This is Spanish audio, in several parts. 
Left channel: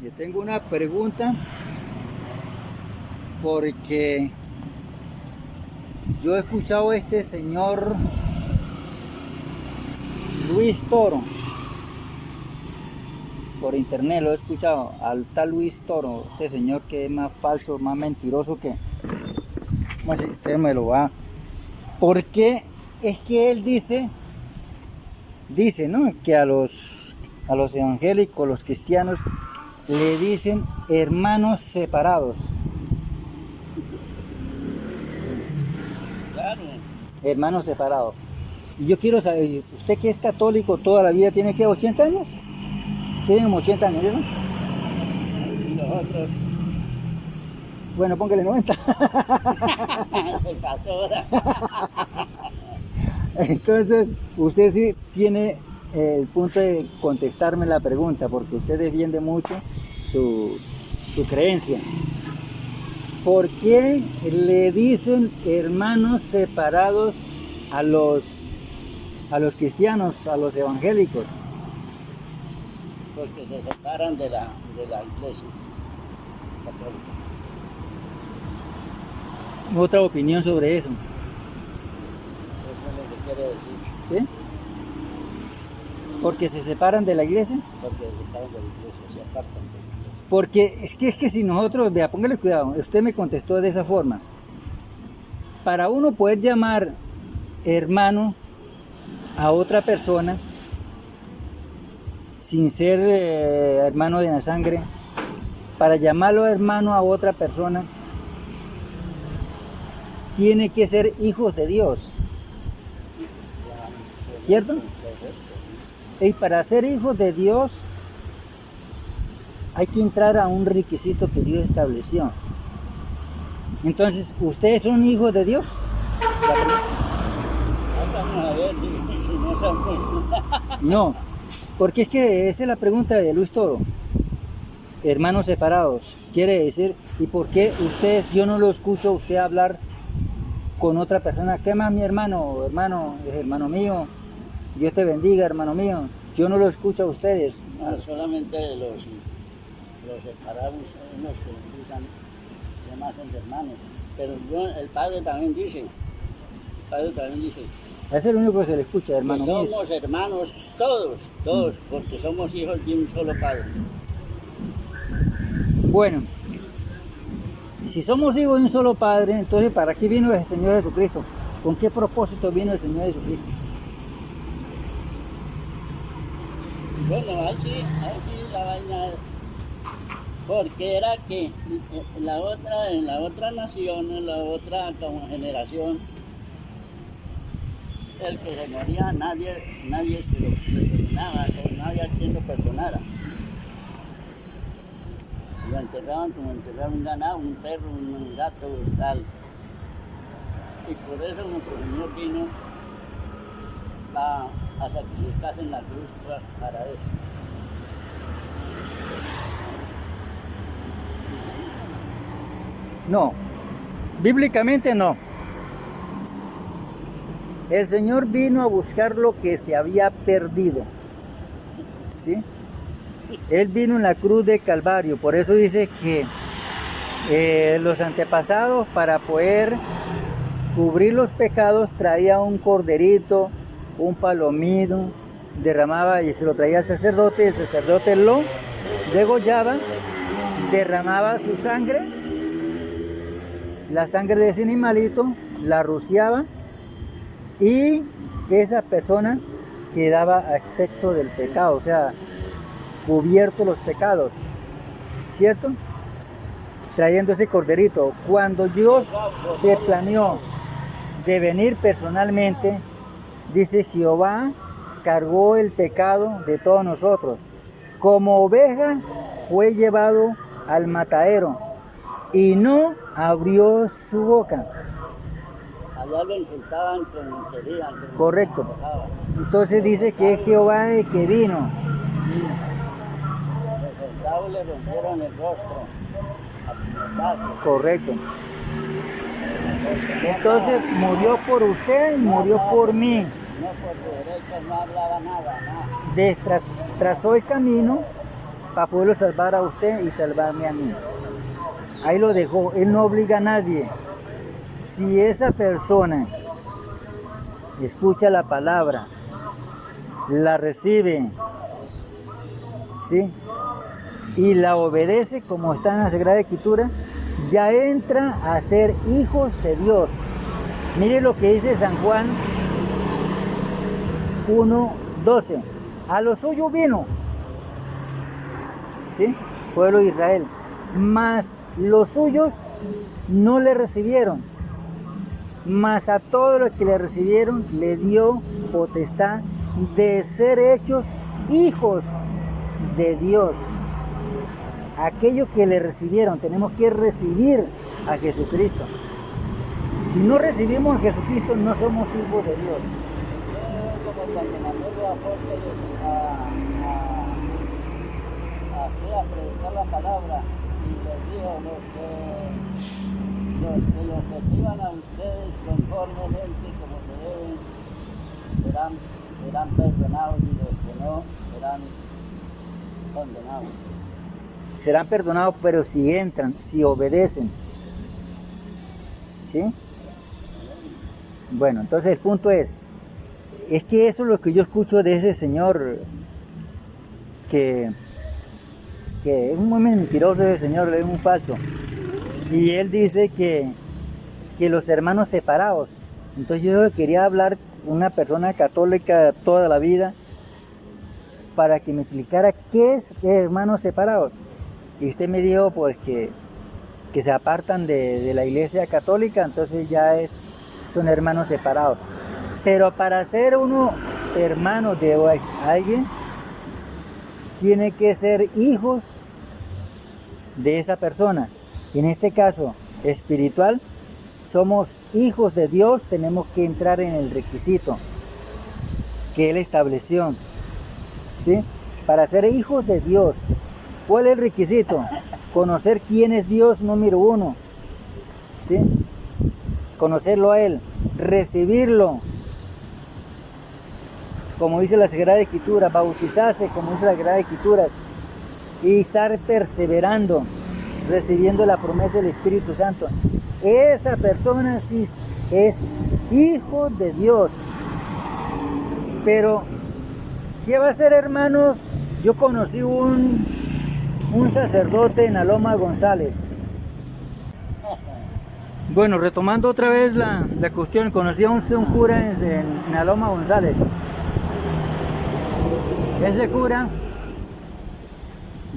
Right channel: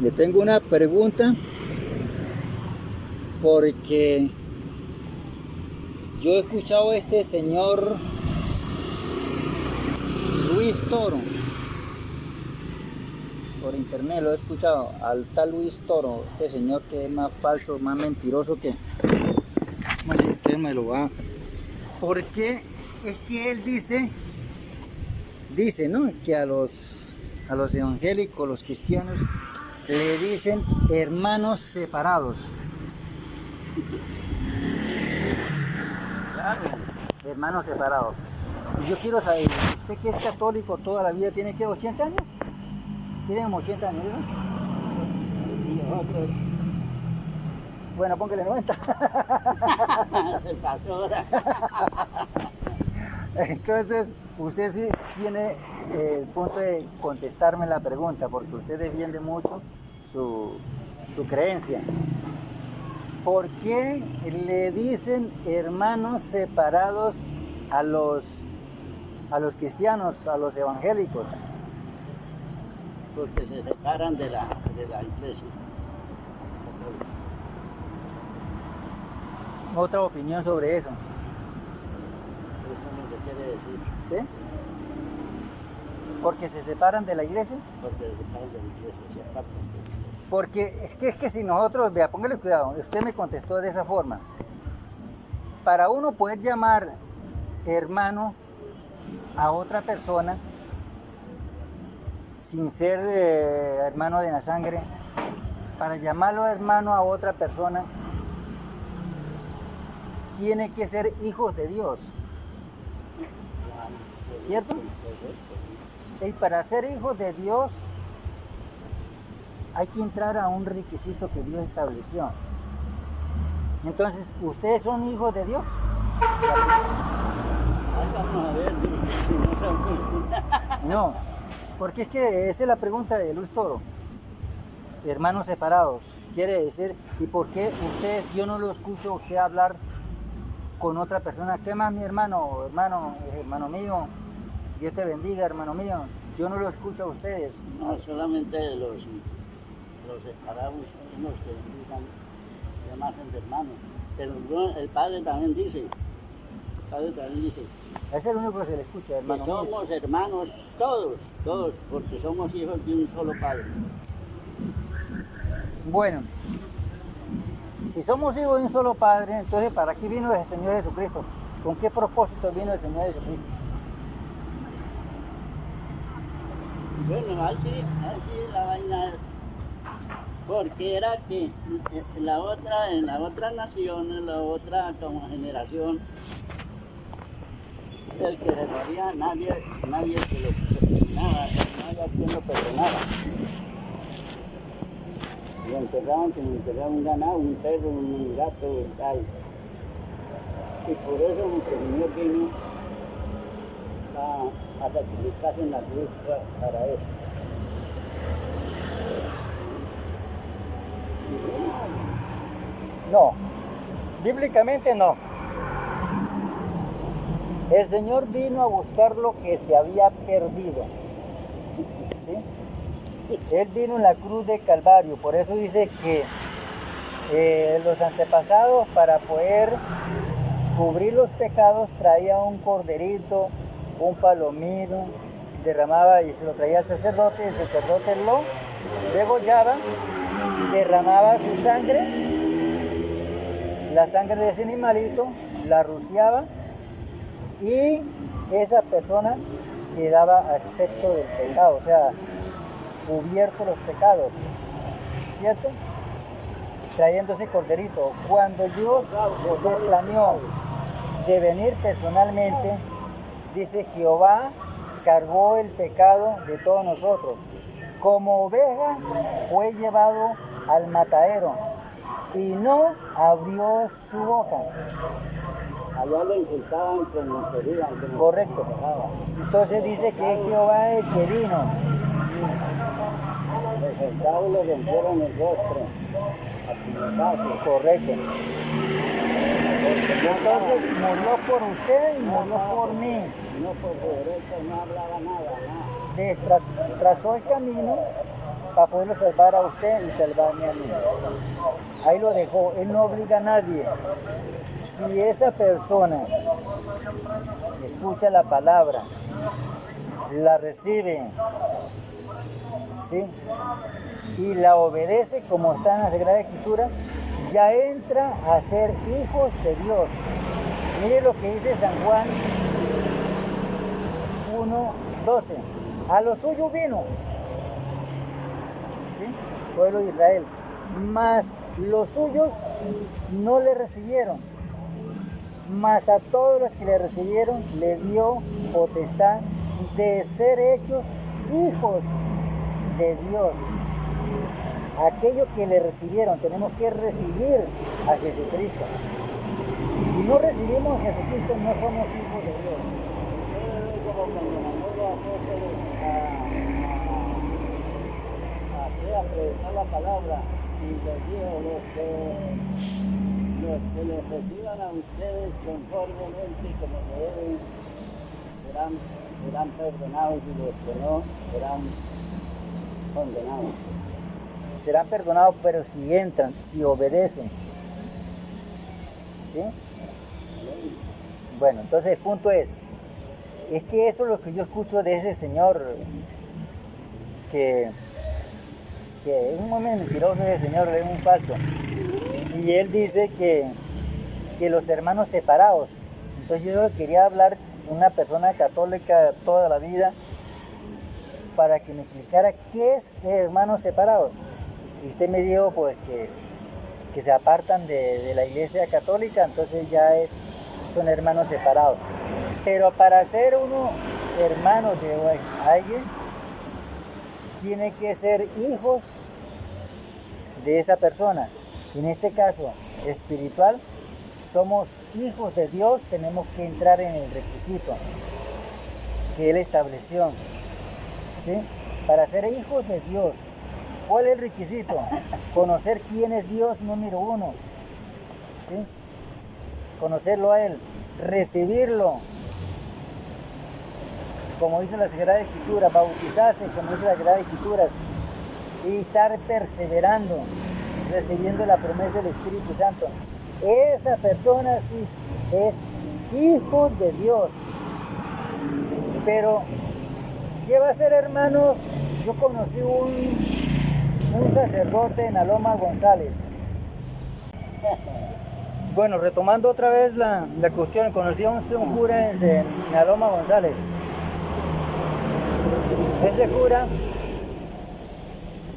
Le tengo una pregunta porque yo he escuchado a este señor Luis Toro por internet, lo he escuchado al tal Luis Toro, este señor que es más falso, más mentiroso que, no sé si usted me lo va, porque es que él dice, ¿no? Que a los evangélicos, los cristianos, le dicen hermanos separados. Claro. Hermanos separados. Y yo quiero saber, usted que es católico toda la vida, ¿tiene que 80 años? Tiene como 80 años, ¿no? Y nosotros Bueno, póngale 90. se pasó ahora. Entonces, usted sí tiene el punto de contestarme la pregunta, porque usted defiende mucho su creencia. ¿Por qué le dicen hermanos separados a los cristianos, a los evangélicos? Porque se separan de la iglesia católica. Otra opinión sobre eso, Eso es lo que quiere decir. ¿sí? Porque se separan de la iglesia. Porque se separan de la iglesia, se apartan. Porque es que si nosotros, vea, póngale cuidado, usted me contestó de esa forma. Para uno poder llamar hermano a otra persona, sin ser hermano de la sangre, para llamarlo hermano a otra persona, tiene que ser hijos de Dios, ¿cierto? Y para ser hijos de Dios hay que entrar a un requisito que Dios estableció. Entonces, ¿ustedes son hijos de Dios? Vamos a ver si no somos. No, porque es que esa es la pregunta de Luis Toro. Hermanos separados, quiere decir, ¿y por qué ustedes, yo no lo escucho a usted hablar con otra persona? ¿Qué más, mi hermano? Hermano, es hermano mío, Dios te bendiga, hermano mío. Yo no lo escucho a ustedes. No, solamente los separados, unos que digan, se llaman hermanos. Pero el Padre también dice, Es el único que se le escucha, que hermano mío. somos hermanos todos, porque somos hijos de un solo Padre. Bueno, si somos hijos de un solo Padre, entonces ¿para qué vino el Señor Jesucristo? ¿Con qué propósito vino el Señor Jesucristo? Bueno, así la vaina es. Porque era que en la otra nación, en la otra como generación, el que se moría, nadie que lo perdonaba, no había quien lo perdonaba. Lo enterraban como enterraban un ganado, un perro, un gato, tal. Y por eso nuestro Señor vino a sacrificarse en la cruz para eso. No, bíblicamente no. El Señor vino a buscar lo que se había perdido, ¿sí? Él vino en la cruz de Calvario, por eso dice que los antepasados, para poder cubrir los pecados, traían un corderito, un palomino, derramaba y se lo traía al sacerdote, el sacerdote lo degollaba, derramaba su sangre, la sangre de ese animalito, la rociaba y esa persona quedaba excepto del pecado, o sea, cubierto los pecados, ¿cierto? Trayendo ese corderito. Cuando Dios se planeó de venir personalmente, dice Jehová cargó el pecado de todos nosotros. Como oveja fue llevado al matadero y no abrió su boca. Allá lo insultaban como querían. Correcto. Entonces dice que es Jehová el que vino. Los soldados le rompieron el rostro. Correcto. Entonces murió por usted y murió por mí. No por su derecha, no hablaba nada. Trazó el camino para poderlo salvar a usted y salvarme a mí. Ahí lo dejó, él no obliga a nadie. Si esa persona escucha la palabra, la recibe, ¿sí?, y la obedece como está en la Sagrada Escritura, ya entra a ser hijos de Dios. Mire lo que dice San Juan 1:12. A lo suyo vino, ¿sí?, pueblo de Israel, mas los suyos no le recibieron. Mas a todos los que le recibieron le dio potestad de ser hechos hijos de Dios. Aquellos que le recibieron, tenemos que recibir a Jesucristo. Si no recibimos a Jesucristo, no somos hijos de Dios. Como cuando mandó los apóstoles a predicar la palabra y les dijo, los que los reciban a ustedes conformemente como se deben, serán perdonados, y los que no serán condenados. Serán perdonados, pero si entran, si obedecen. ¿Sí? Bueno, entonces el punto es que eso es lo que yo escucho de ese señor, que es un muy mentiroso ese señor, es un falso. Y él dice que los hermanos separados. Entonces yo quería hablar con una persona católica toda la vida para que me explicara qué es hermanos separados. Y usted me dijo pues que se apartan de la iglesia católica, entonces ya son hermanos separados. Pero para ser uno hermano de alguien, tiene que ser hijos de esa persona. En este caso espiritual, somos hijos de Dios, tenemos que entrar en el requisito que Él estableció, ¿sí? Para ser hijos de Dios, ¿cuál es el requisito? Conocer quién es Dios número uno, ¿sí? Conocerlo a Él, recibirlo, como dice la Sagrada Escritura, bautizarse, como dice la Sagrada Escritura, y estar perseverando, recibiendo la promesa del Espíritu Santo. Esa persona sí es hijo de Dios. Pero, ¿qué va a hacer, hermanos? Yo conocí un sacerdote en Aloma González. Bueno, retomando otra vez la cuestión, conocí a un cura en Aloma González. Ese cura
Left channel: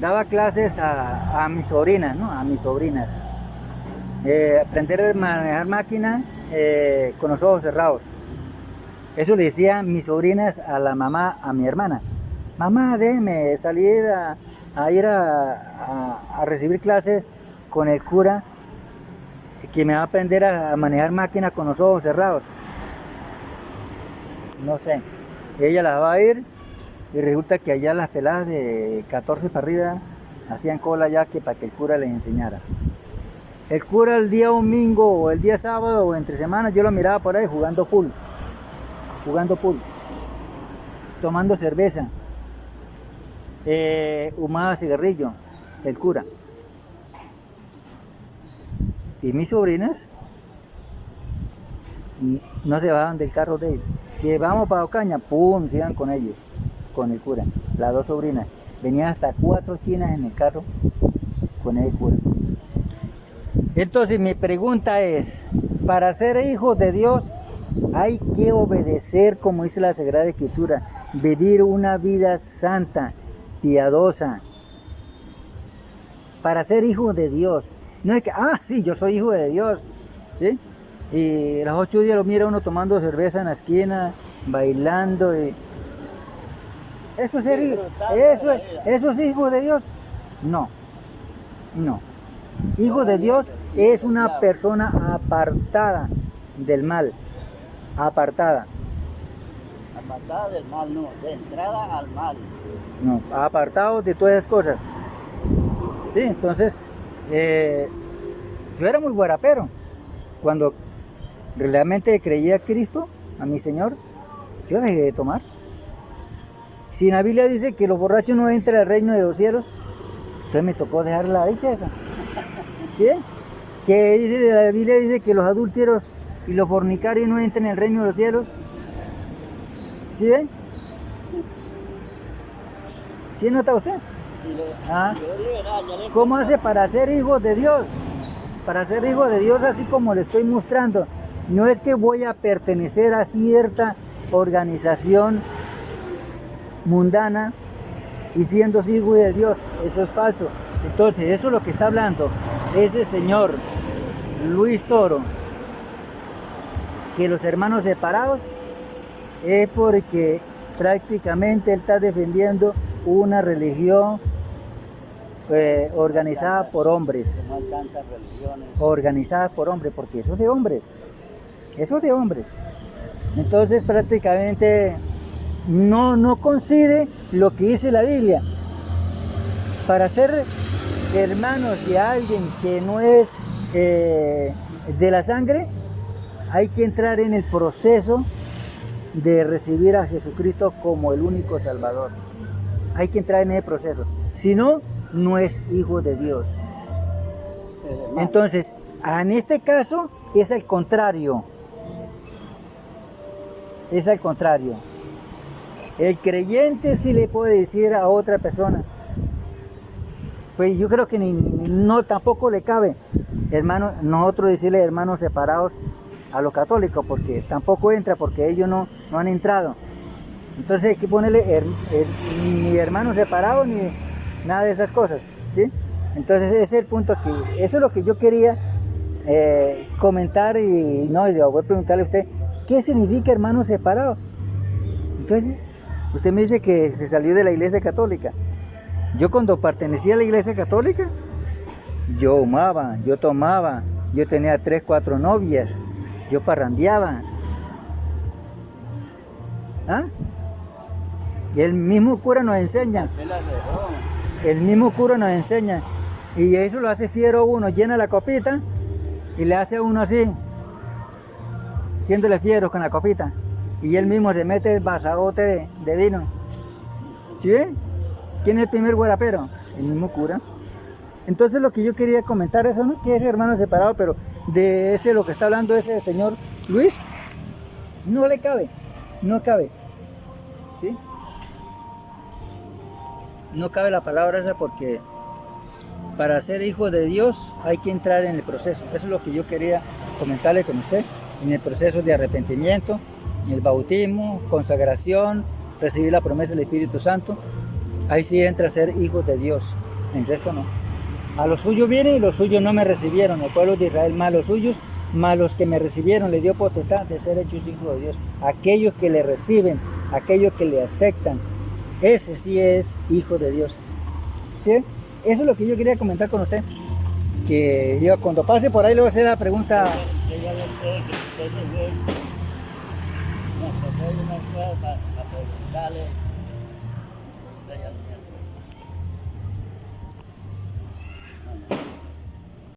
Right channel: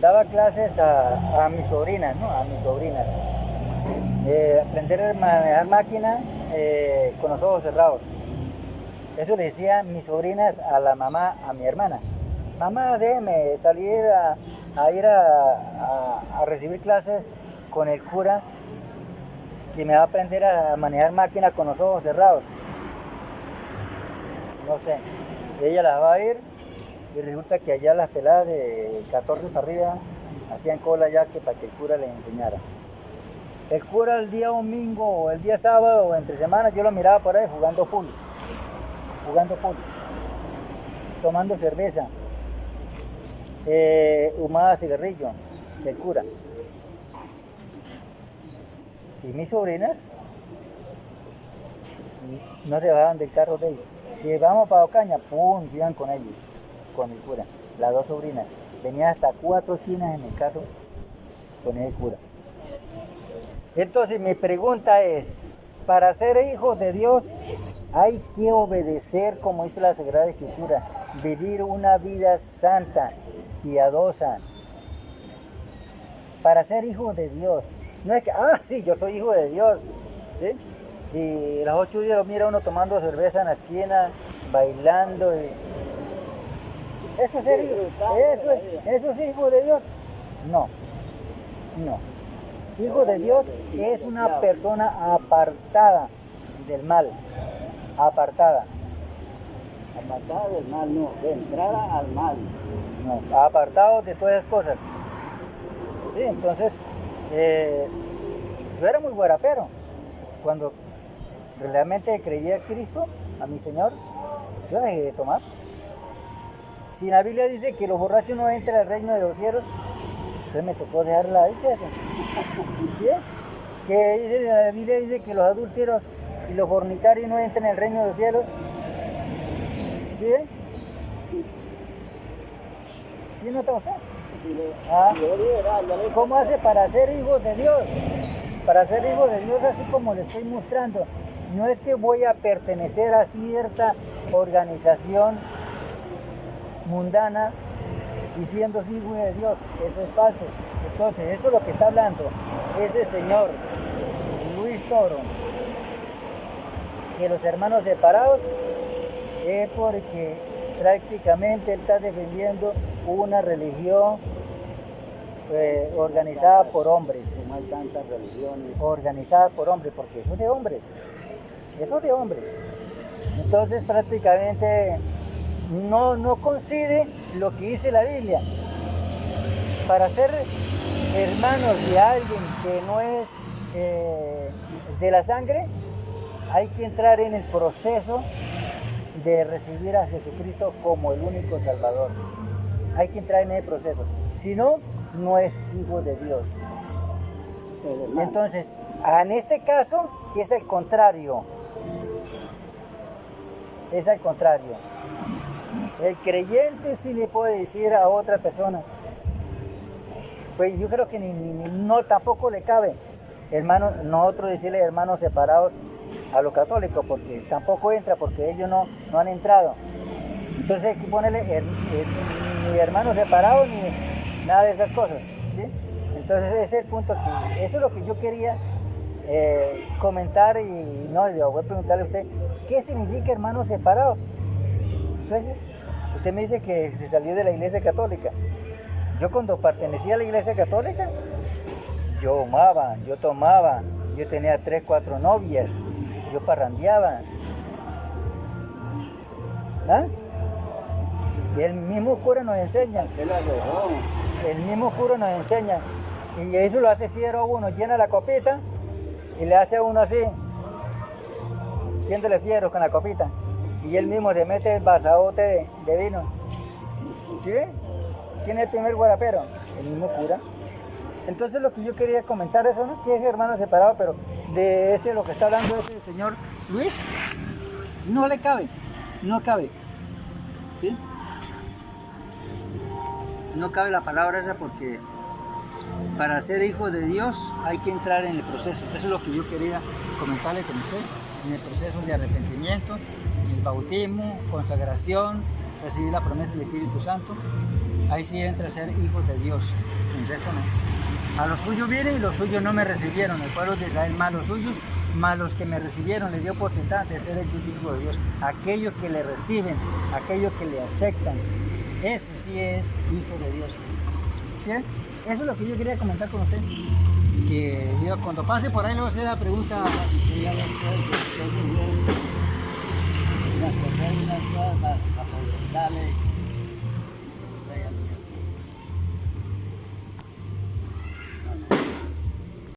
daba clases a mis sobrinas, ¿no? A mis sobrinas. Aprender a manejar máquina con los ojos cerrados. Eso le decía mis sobrinas a la mamá, a mi hermana. Mamá, déjeme salir a ir a recibir clases con el cura que me va a aprender a manejar máquina con los ojos cerrados. No sé. Ella las va a ir y resulta que allá las peladas de 14 para arriba hacían cola ya para que el cura les enseñara. El cura el día domingo o el día sábado o entre semanas yo lo miraba por ahí jugando pool, tomando cerveza, fumaba cigarrillo, el cura. Y mis sobrinas no se bajaban del carro de ellos. Si vamos para Ocaña, pum, se iban con ellos, con el cura. Las dos sobrinas. Venían hasta 4 chinas en el carro con el cura. Entonces mi pregunta es, para ser hijos de Dios hay que obedecer, como dice la Sagrada Escritura, vivir una vida santa, piadosa, para ser hijos de Dios. No es que, sí, yo soy hijo de Dios, ¿sí? Y los 8 días lo mira uno tomando cerveza en la esquina, bailando. ¿Eso es hijo de Dios? No. Hijo de Dios es una persona apartada del mal. Apartada del mal, no, de entrada al mal. No, apartado de todas esas cosas. Sí, entonces, yo era muy guarapero. Cuando realmente creía a Cristo, a mi Señor, yo dejé de tomar. Si en la Biblia dice que los borrachos no entran al reino de los cielos, Entonces me tocó dejarla ahí, César. ¿Sí? Que dice, la Biblia dice que los adúlteros y los fornicarios no entran en el reino de los cielos. ¿Sí? ¿Sí nota usted? Si Ah. yo liberal, ya le ¿Cómo hace para ser hijo de Dios? Para ser hijo de Dios, así como le estoy mostrando, no es que voy a pertenecer a cierta organización mundana y siendo hijo de Dios, eso es falso. Entonces, eso es lo que está hablando ese señor Luis Toro, que los hermanos separados es porque prácticamente él está defendiendo una religión organizada por hombres. no hay tantas religiones. Organizada por hombres, porque eso es de hombres. Eso es de hombres. Entonces prácticamente no coincide lo que dice la Biblia. Para ser hermanos de alguien que no es de la sangre, hay que entrar en el proceso de recibir a Jesucristo como el único Salvador. Hay que entrar en ese proceso. Si no, no es hijo de Dios. Entonces, en este caso es el contrario. Es el contrario. El creyente sí le puede decir a otra persona, pues yo creo que no tampoco le cabe, hermano, nosotros decirle hermanos separados a los católicos, porque tampoco entra, porque ellos no han entrado. Entonces hay que ponerle ni hermanos separados ni nada de esas cosas, ¿sí? Entonces ese es el punto que, eso es lo que yo quería comentar y voy a preguntarle a usted, ¿qué significa hermanos separados? Entonces, usted me dice que se salió de la iglesia católica. Yo cuando pertenecía a la iglesia católica, yo fumaba, yo tomaba, yo tenía 3, 4 novias, yo parrandeaba. ¿Ah? Y el mismo cura nos enseña. El mismo cura nos enseña. Y eso lo hace fiero uno, llena la copita y le hace a uno así, siéndole fiero con la copita. Y él mismo se mete el vasaote de vino. ¿Sí ve? ¿Quién es el primer guarapero? El mismo cura. Entonces lo que yo quería comentar eso, ¿no? Que es hermano separado, pero de ese lo que está hablando ese señor Luis, no le cabe, no cabe. ¿Sí? No cabe la palabra esa porque para ser hijo de Dios hay que entrar en el proceso. Eso es lo que yo quería comentarle con usted, en el proceso de arrepentimiento, el bautismo, consagración, recibir la promesa del Espíritu Santo. Ahí sí entra a ser hijos de Dios, en resto no. A los suyos viene y los suyos no me recibieron, el pueblo de Israel, más los suyos, más los que me recibieron, le dio potestad de ser hechos hijos de Dios. Aquellos que le reciben, aquellos que le aceptan, ese sí es hijo de Dios. ¿Sí? Eso es lo que yo quería comentar con usted. Que yo cuando pase por ahí le voy a hacer la pregunta. Una cosa y una cosa para preguntarle.